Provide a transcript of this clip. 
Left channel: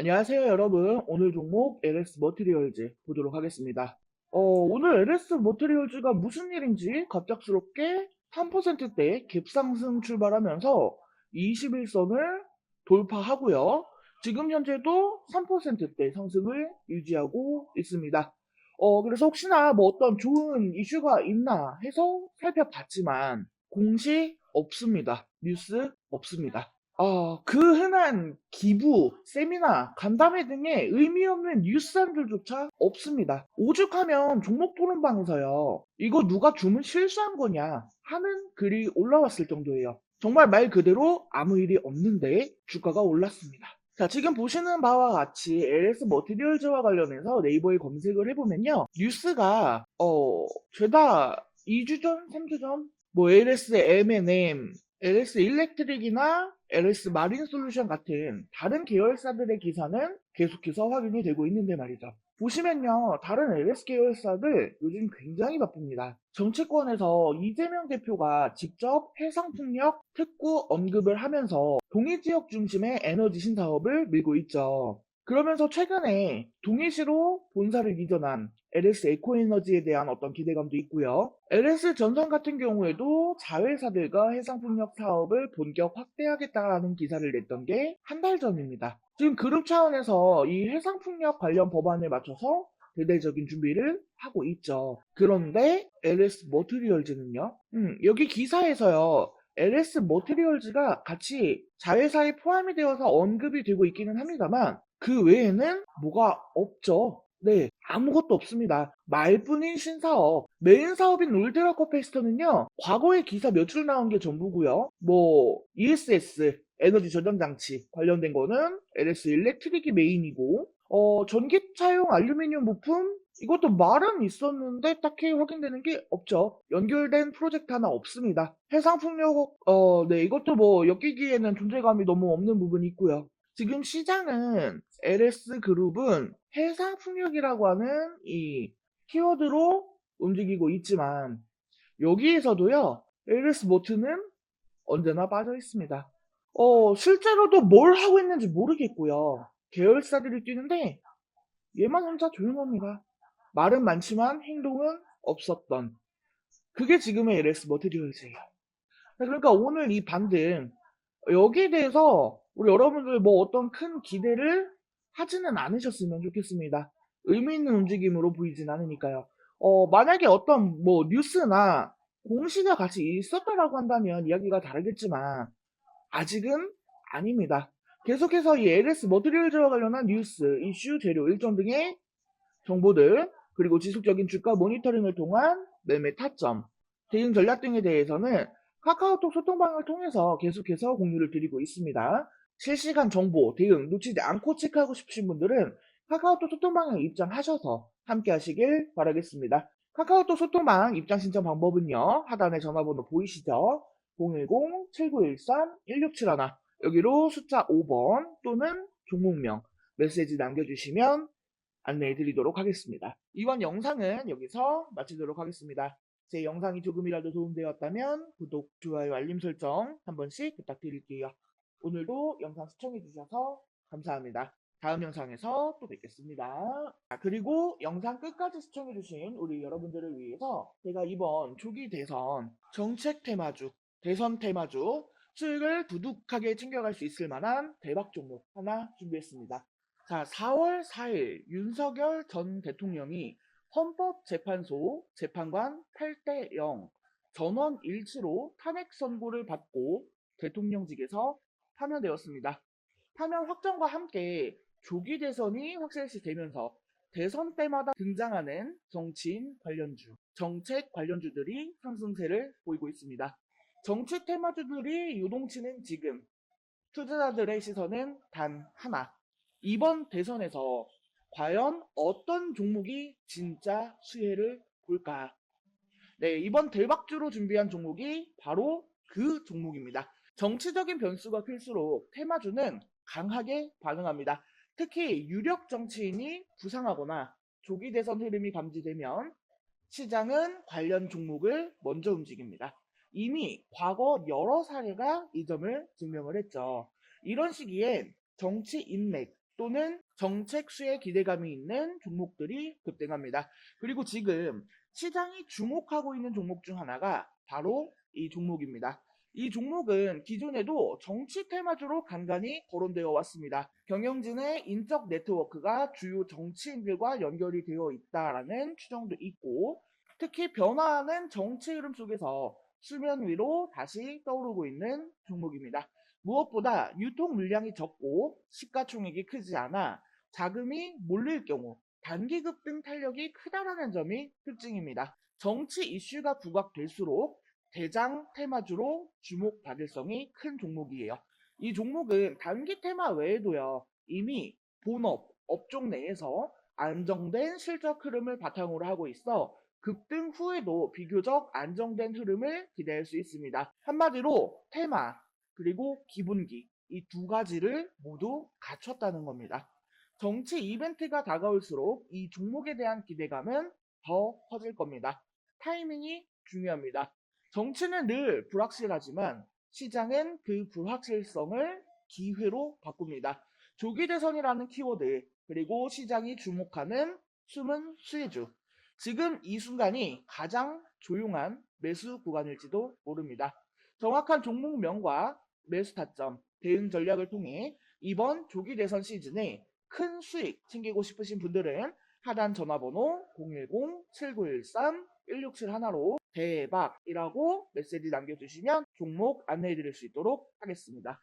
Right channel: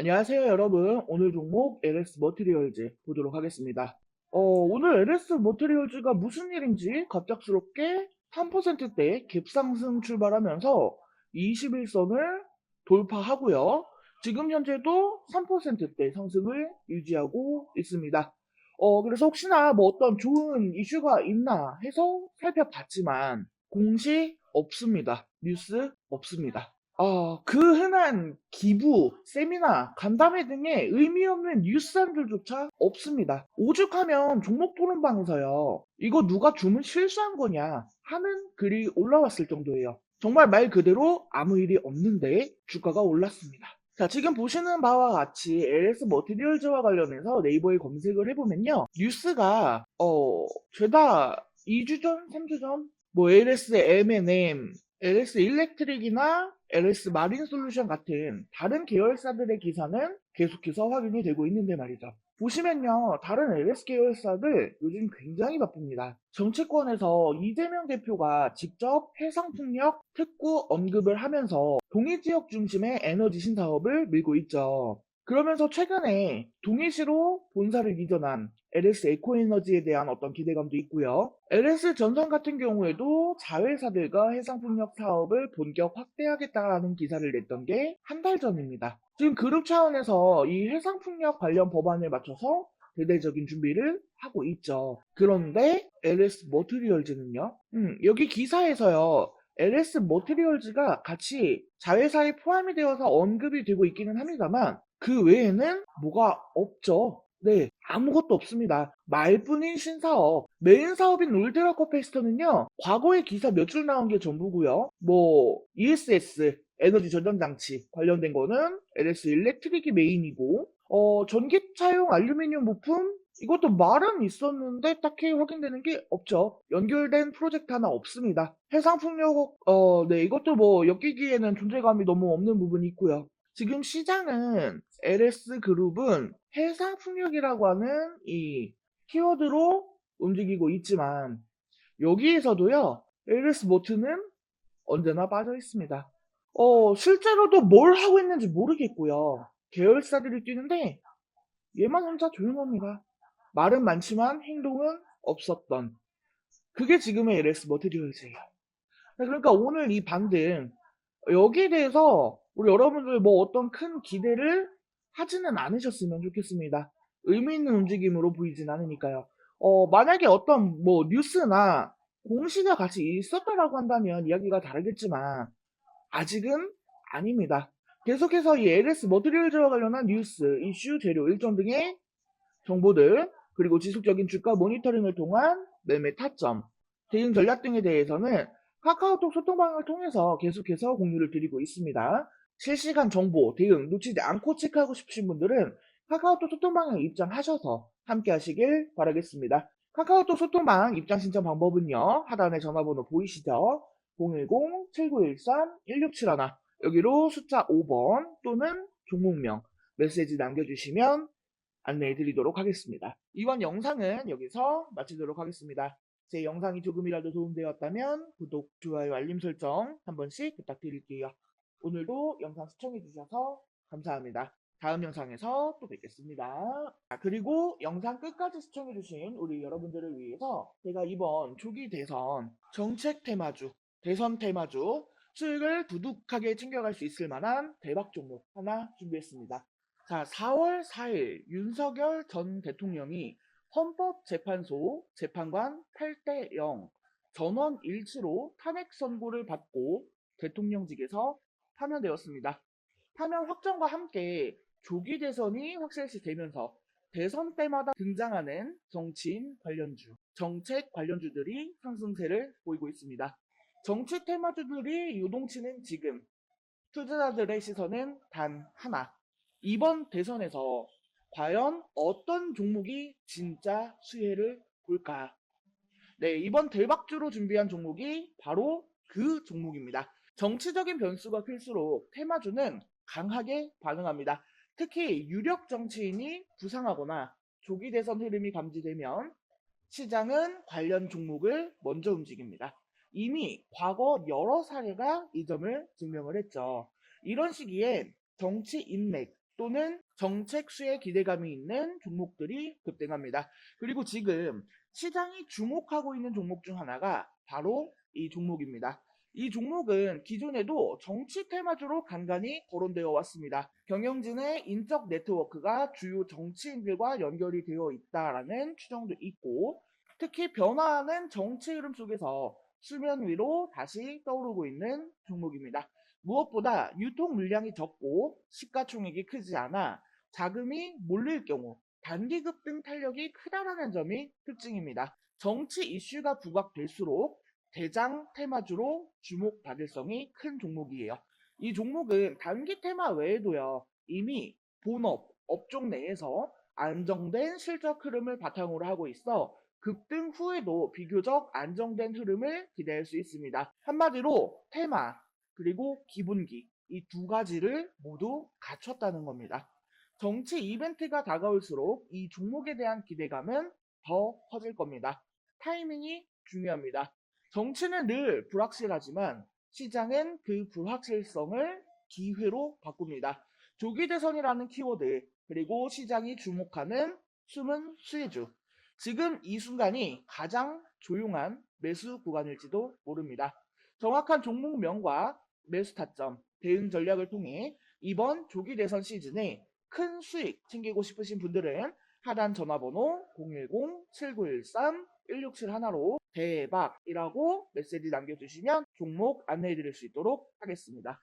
안녕하세요 여러분. 오늘 종목 LS 머티리얼즈 보도록 하겠습니다. 어, 오늘 LS 머티리얼즈가 무슨 일인지 갑작스럽게 3%대 갭상승 출발하면서 21선을 돌파하고요. 지금 현재도 3%대 상승을 유지하고 있습니다. 어, 그래서 혹시나 뭐 어떤 좋은 이슈가 있나 해서 살펴봤지만 공시 없습니다. 뉴스 없습니다 어, 그 흔한 기부, 세미나, 간담회 등의 의미 없는 뉴스한들조차 없습니다. 오죽하면 종목 토론 방에서요. 이거 누가 주문 실수한 거냐 하는 글이 올라왔을 정도예요. 정말 말 그대로 아무 일이 없는데 주가가 올랐습니다. 자, 지금 보시는 바와 같이 LS 머티리얼즈와 관련해서 네이버에 검색을 해보면요. 뉴스가, 어, 죄다 2주 전, 3주 전, 뭐 LS M&M, LS 일렉트릭이나 LS 마린 솔루션 같은 다른 계열사들의 기사는 계속해서 확인이 되고 있는데 말이죠. 보시면요, 다른 LS 계열사들 요즘 굉장히 바쁩니다. 정치권에서 이재명 대표가 직접 해상풍력 특구 언급을 하면서 동해 지역 중심의 에너지 신사업을 밀고 있죠. 그러면서 최근에 동해시로 본사를 이전한 LS 에코에너지에 대한 어떤 기대감도 있고요. LS 전선 같은 경우에도 자회사들과 해상풍력 사업을 본격 확대하겠다라는 기사를 냈던 게 한 달 전입니다. 지금 그런 차원에서 이 해상풍력 관련 법안에 맞춰서 대대적인 준비를 하고 있죠. 그런데 LS 머티리얼즈는요. 음, 여기 기사에서요. LS 머티리얼즈가 같이 자회사에 포함이 되어서 언급이 되고 있기는 합니다만 그 외에는 뭐가 없죠. 네, 아무것도 없습니다. 말뿐인 신사업. 메인 사업인 울트라코 페스터는요, 과거에 기사 몇 줄 나온 게 전부고요. 뭐, ESS, 에너지 전전 장치 관련된 거는 LS 일렉트릭이 메인이고, 어, 전기차용 알루미늄 부품? 이것도 말은 있었는데 딱히 확인되는 게 없죠. 연결된 프로젝트 하나 없습니다. 해상풍력, 어, 네, 이것도 뭐 엮이기에는 존재감이 너무 없는 부분이 있고요. 지금 시장은 LS 그룹은 해상풍력이라고 하는 이 키워드로 움직이고 있지만 여기에서도요 LS 모트는 언제나 빠져 있습니다. 어 실제로도 뭘 하고 있는지 모르겠고요. 계열사들이 뛰는데 얘만 혼자 조용합니다. 말은 많지만 행동은 없었던 그게 지금의 LS 머티리얼즈예요. 그러니까 오늘 이 반등 여기에 대해서 우리 여러분들 뭐 어떤 큰 기대를 하지는 않으셨으면 좋겠습니다. 의미 있는 움직임으로 보이진 않으니까요. 어, 만약에 어떤 뭐 뉴스나 공시가 같이 있었다라고 한다면 이야기가 다르겠지만 아직은 아닙니다. 계속해서 이 LS 머티리얼즈와 관련한 뉴스, 이슈, 재료, 일정 등의 정보들 그리고 지속적인 주가 모니터링을 통한 매매 타점, 대응 전략 등에 대해서는 카카오톡 소통방을 통해서 계속해서 공유를 드리고 있습니다. 실시간 정보, 대응 놓치지 않고 체크하고 싶으신 분들은 카카오톡 소통방에 입장하셔서 함께 하시길 바라겠습니다. 카카오톡 소통방 입장 신청 방법은요. 하단에 전화번호 보이시죠? 010-7913-1671 여기로 숫자 5번 또는 종목명 메시지 남겨주시면 안내해 드리도록 하겠습니다. 이번 영상은 여기서 마치도록 하겠습니다. 제 영상이 조금이라도 도움되었다면 구독, 좋아요, 알림 설정 한 번씩 부탁드릴게요. 오늘도 영상 시청해주셔서 감사합니다. 다음 영상에서 또 뵙겠습니다. 아, 그리고 영상 끝까지 시청해주신 우리 여러분들을 위해서 제가 이번 조기 대선 정책 테마주, 대선 테마주 수익을 두둑하게 챙겨갈 수 있을 만한 대박 종목 하나 준비했습니다. 자, 4월 4일 윤석열 전 대통령이 헌법재판소 재판관 8대 0 전원 일치로 탄핵 선고를 받고 대통령직에서 파면되었습니다. 파면 확정과 함께 조기 대선이 확실시 되면서 대선 때마다 등장하는 정치인 관련주, 정책 관련주들이 상승세를 보이고 있습니다. 정치 테마주들이 유동치는 지금 투자자들의 시선은 단 하나. 이번 대선에서 과연 어떤 종목이 진짜 수혜를 볼까? 네, 이번 대박주로 준비한 종목이 바로 그 종목입니다. 정치적인 변수가 클수록 테마주는 강하게 반응합니다. 특히 유력 정치인이 부상하거나 조기 대선 흐름이 감지되면 시장은 관련 종목을 먼저 움직입니다. 이미 과거 여러 사례가 이 점을 증명을 했죠. 이런 시기에 정치 인맥 또는 정책 수에 기대감이 있는 종목들이 급등합니다. 그리고 지금 시장이 주목하고 있는 종목 중 하나가 바로 이 종목입니다. 이 종목은 기존에도 정치 테마주로 간간히 거론되어 왔습니다. 경영진의 인적 네트워크가 주요 정치인들과 연결이 되어 있다라는 추정도 있고 특히 변화하는 정치 흐름 속에서 수면 위로 다시 떠오르고 있는 종목입니다. 무엇보다 유통 물량이 적고 시가총액이 크지 않아 자금이 몰릴 경우 단기 급등 탄력이 크다라는 점이 특징입니다. 정치 이슈가 부각될수록 대장 테마주로 주목 가능성이 큰 종목이에요. 이 종목은 단기 테마 외에도요, 이미 본업, 업종 내에서 안정된 실적 흐름을 바탕으로 하고 있어 급등 후에도 비교적 안정된 흐름을 기대할 수 있습니다. 한마디로 테마, 그리고 기본기, 이 두 가지를 모두 갖췄다는 겁니다. 정치 이벤트가 다가올수록 이 종목에 대한 기대감은 더 커질 겁니다. 타이밍이 중요합니다. 정치는 늘 불확실하지만 시장은 그 불확실성을 기회로 바꿉니다. 조기 대선이라는 키워드 그리고 시장이 주목하는 숨은 수혜주 지금 이 순간이 가장 조용한 매수 구간일지도 모릅니다. 정확한 종목명과 매수 타점, 대응 전략을 통해 이번 조기 대선 시즌에 큰 수익 챙기고 싶으신 분들은 하단 전화번호 010-7913-1671로 대박이라고 메시지 남겨주시면 종목 안내해 드릴 수 있도록 하겠습니다.